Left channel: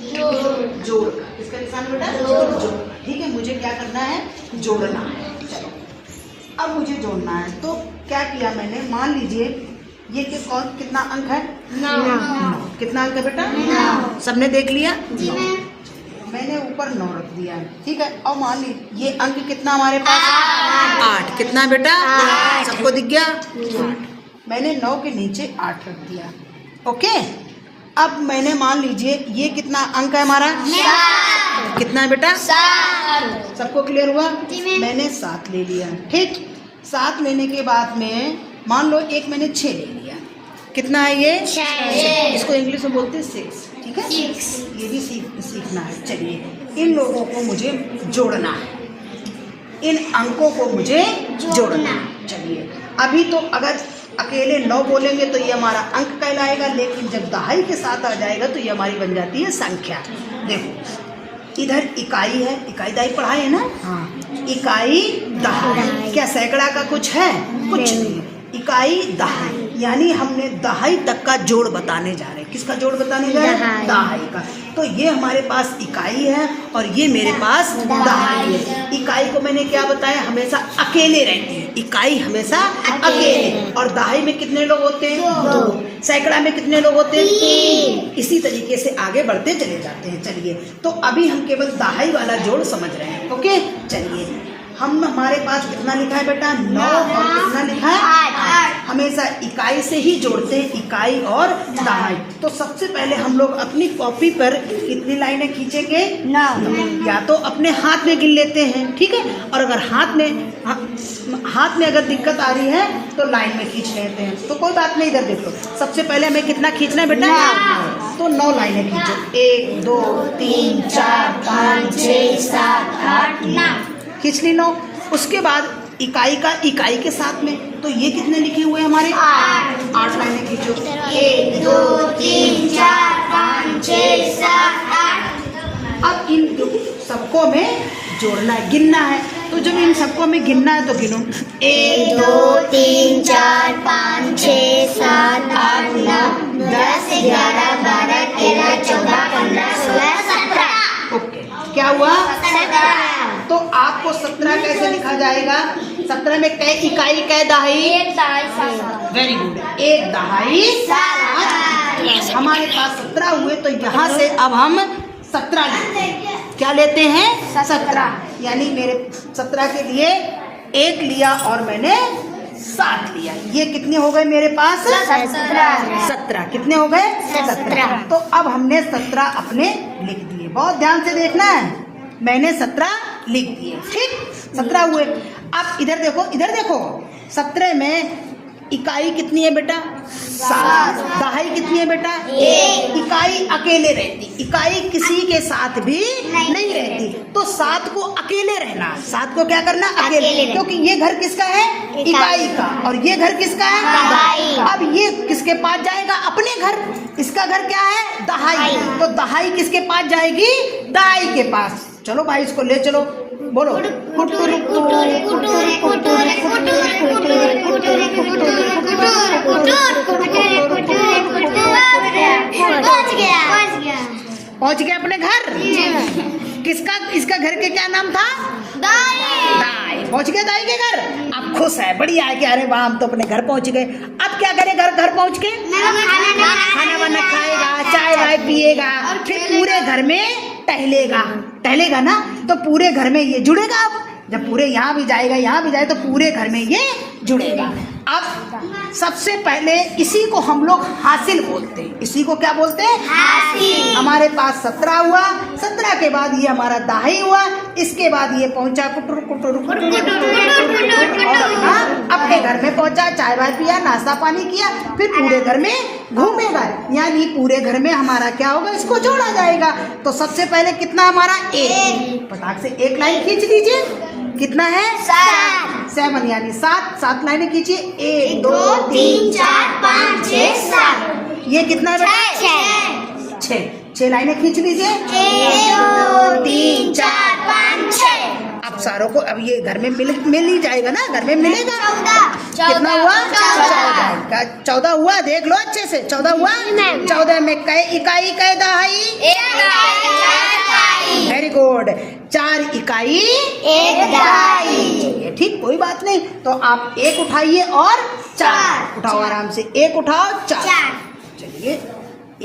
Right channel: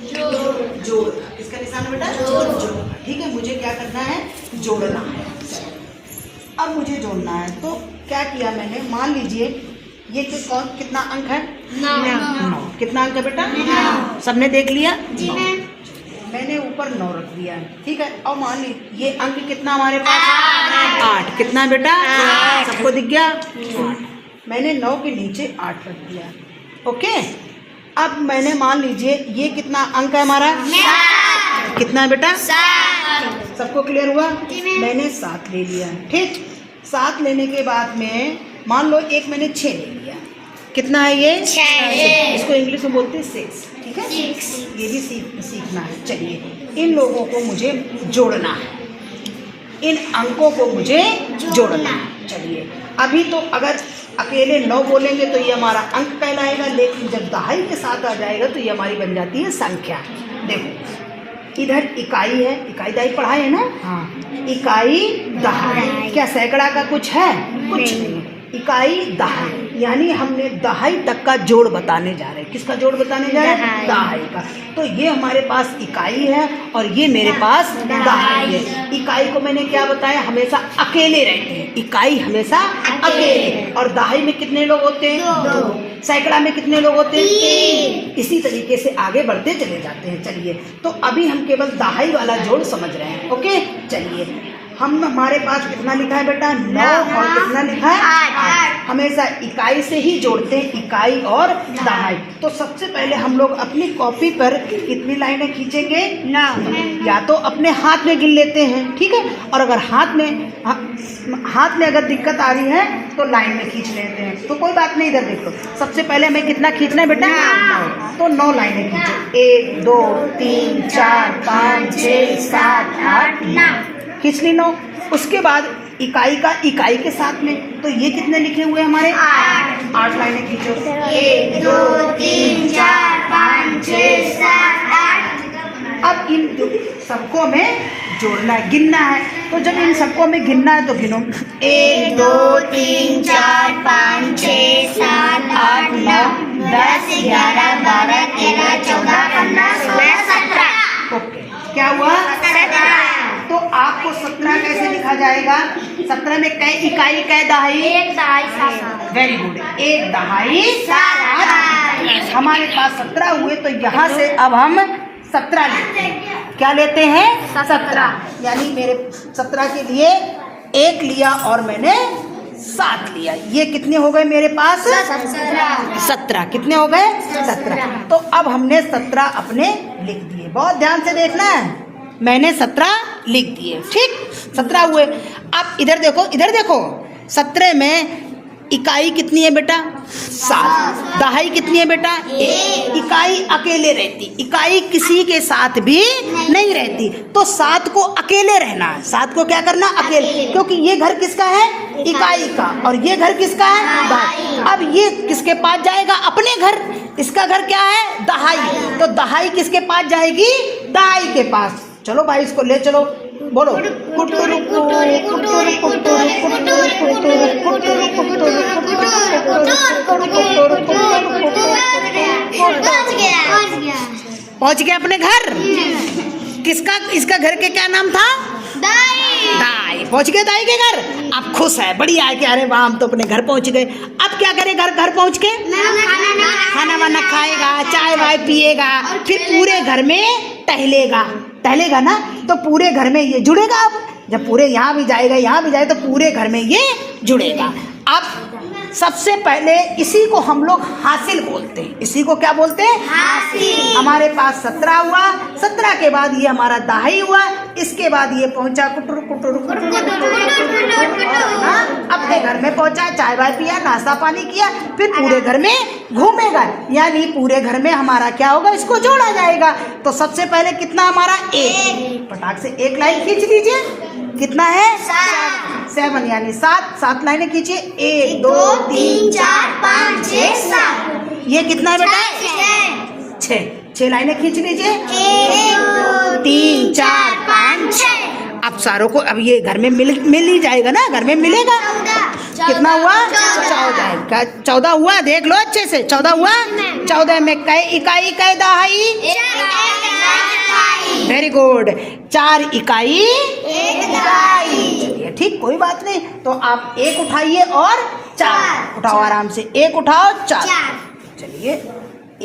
जोड़ का। किसका निशान है बेटा? जोड़ का। ठीक है, मुझे क्या करना है? जोड़ना है। चलो अब मुझे जोड़ना है, तो क्या किया मैंने, मान लीजिए ये कितना अंक है? 9। कितना अंक है बेटा? 9। सबने देख लिया? जी मैम। मैंने ऊपर 9 रख दिया है, ठीक है। और मान लीजिए ये अंक कितना हमारे पास? 8। कितना है बेटा? 8। सबको दिख गया? मैंने 9 के नीचे 8 रख दिया। ओके, अब मैंने मान लीजिए ये कितना अंक है हमारा? 7। कितना है बेटा? 7। सबको क्लियर हुआ? मैंने 7 ले लिया, ठीक। 7 लेने के बाद में मान लो एक मैंने 6 ले लिया। कितना है ये? 6। इसको इंग्लिश में बोलते हैं 6, ठीक है। 6 ये भी सीखना है। चलिए इन लोगों को मुझे जोड़ना है, इन अंकों को मुझे जोड़ना है। चलिए अभी तो अगर अकेले 9 बोलेंगे तो ये हमारा अंक कहलाएगा, लेकिन जब दहाई के साथ आ जाएगा तो ये हमारी बन जाती है संख्या। देखो इधर इकाई है, इकाई दहाई पढ़ाए है ना? हाँ। इकाई दहाई, क्या सैकड़ा का कुछ है? कुछ नहीं। इकाई दहाई यानी हमने दहाई तक का जोड़ बताने जा रहे हैं। किसका जोड़ बताने जा रहे हैं? दहाई का। तो ये हमारे पास इकाई है और ये मेरे पास दहाई है। इकाई को मैंने क्या बताया? हमेशा अकेले रहती है इकाई, हमेशा अकेले। और दहाई में कितने लोग होते हैं? 2। सैकड़ा में कितने लोग होते हैं? 3। इसी तरीके से आगे बढ़ते चले जाते हैं। चलिए तो अभी हम केवल दहाई वाला जोड़ समझ रहे हैं। ओके, चलिए हम हमारे पास कितना लिखा है बेटा? 9। और कितना लिखा है? 8। हमेशा इकाई से ही जोड़ते हैं, इकाई और दहाई। तो सबसे पहले हम लोग अपनी कॉपी पर कितनी लाइनें खींचेंगे? 9। या तो अपने हाथ में गिन लेते हैं, ठीक है। और अगर हाथ में अगर दिक्कत आ रही है तो लाइन में खींच लेते हैं, तो कोई बात नहीं। इधर देखो, सबसे पहले हमें कितना खींचना है बेटा? 9। तो 9 लाइनें खींचो। 1 2 3 4 5 6 7 8 9 खींच ली 9। उसके बाद इकाई का इकाई के साथ में, तो ये कितने लिखे हुए हमारे? 8 लाइनें खींचो। 1 2 3 4 5 6 7 8। अब इन सबको में जोड़ना है, गिनना है। तो जब इन सबको में गिनना है तो गिनो। 1 2 3 4 5 6 7 8 9 10 11 12 13 14 15 16 17। ओके, क्या हुआ? 17। तो आपको 17 कैसे लिखा जाएगा? 17 में कै इकाई कै दहाई? 1 दहाई 7। वेरी गुड, 1 दहाई 7। हमारे पास 17 हुए, तो यहाँ से अब हम 17 लेते हैं। क्या लेते हैं? 17। यानी मेरे 17 के लिए 1 लिया और मैंने 7 लिया। ये कितने हो गए मेरे पास? 17। कितने हो गए? 17। तो अब हमने 17 अपने लिख दिए। बहुत ध्यान से देखना है, मैंने 17 लिख दिए, ठीक। 17 हुए। अब इधर देखो, इधर देखो, 17 में इकाई कितनी है बेटा? 7। दहाई कितनी है बेटा? 1। इकाई अकेले रहती, इकाई किसी के साथ भी नहीं रहती। तो 7 को अकेले रहना, 7 को क्या करना? अकेले, क्योंकि ये घर किसका है? इकाई का। और ये घर किसका है? दहाई। अब ये किसके पास जाएगा? अपने घर। इसका घर क्या है? दहाई। तो दहाई किसके पास जाएगी? दहाई के पास। चलो भाई इसको ले चलो, बोलो। कुटुरी कुटुरी कुटुरी कुटुरी कुटुरी कुटुरी कुटुरी पहुंच गया अपने घर। किसका? इसका घर के क्या नाम था? दाई। पहुंच गए दाई के घर। अब खुश है, बढ़िया है कि अरे वाह हम तो अपने घर पहुंच गए। अब क्या करे? घर पहुंच के खाना वाना खाएगा, चाय वाय पिएगा, फिर पूरे घर में टहलेगा ना, तो पूरे घर में ये जुड़ेगा। अब जब पूरे यहाँ भी जाएगा, यहाँ भी जाएगा, तो पूरे घर में ये जुड़ेगा। अब सबसे पहले इसी को हम लोग हासिल बोलते हैं। इसी को क्या बोलते हैं? हासिल। हमारे पास 17 हुआ, 17 के बाद ये हमारा दहाई हुआ, इसके बाद ये पहुंचा कुटुर कुटुर अपने घर में पहुंचा, चाय वाय पिया, नाश्ता पानी किया, फिर पूरे घर में घूमेगा। यानी पूरे घर में हमारा क्या होगा? इसको जोड़ा जाएगा। तो सबसे पहले कितना हमारा? 1। फटाक से 1 लाइन खींच दीजिए। कितना है? 7 यानी 7 लाइनें खींचिए। 1 2 3 4 5 6 7। ये कितना है? 6 लाइनें खींच लीजिए। 1 2 3 4 5 6। अब सारों को अब ये घर में मिल ही जाएगा ना, घर में मिलेगा। कितना हुआ? 14 हुआ। देख लो अच्छे से, 14 हुआ। 14 में कै इकाई कै दहाई? गुड। 4 इकाई 1 दहाई। चलिए ठीक, कोई बात नहीं। तो आप 1 उठाइए और 4 उठाओ, आराम से 1 उठाओ 4। चलिए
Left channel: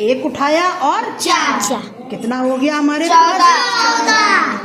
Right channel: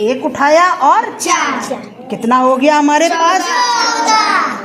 1 उठाया और 4, कितना हो गया हमारे पास? 14।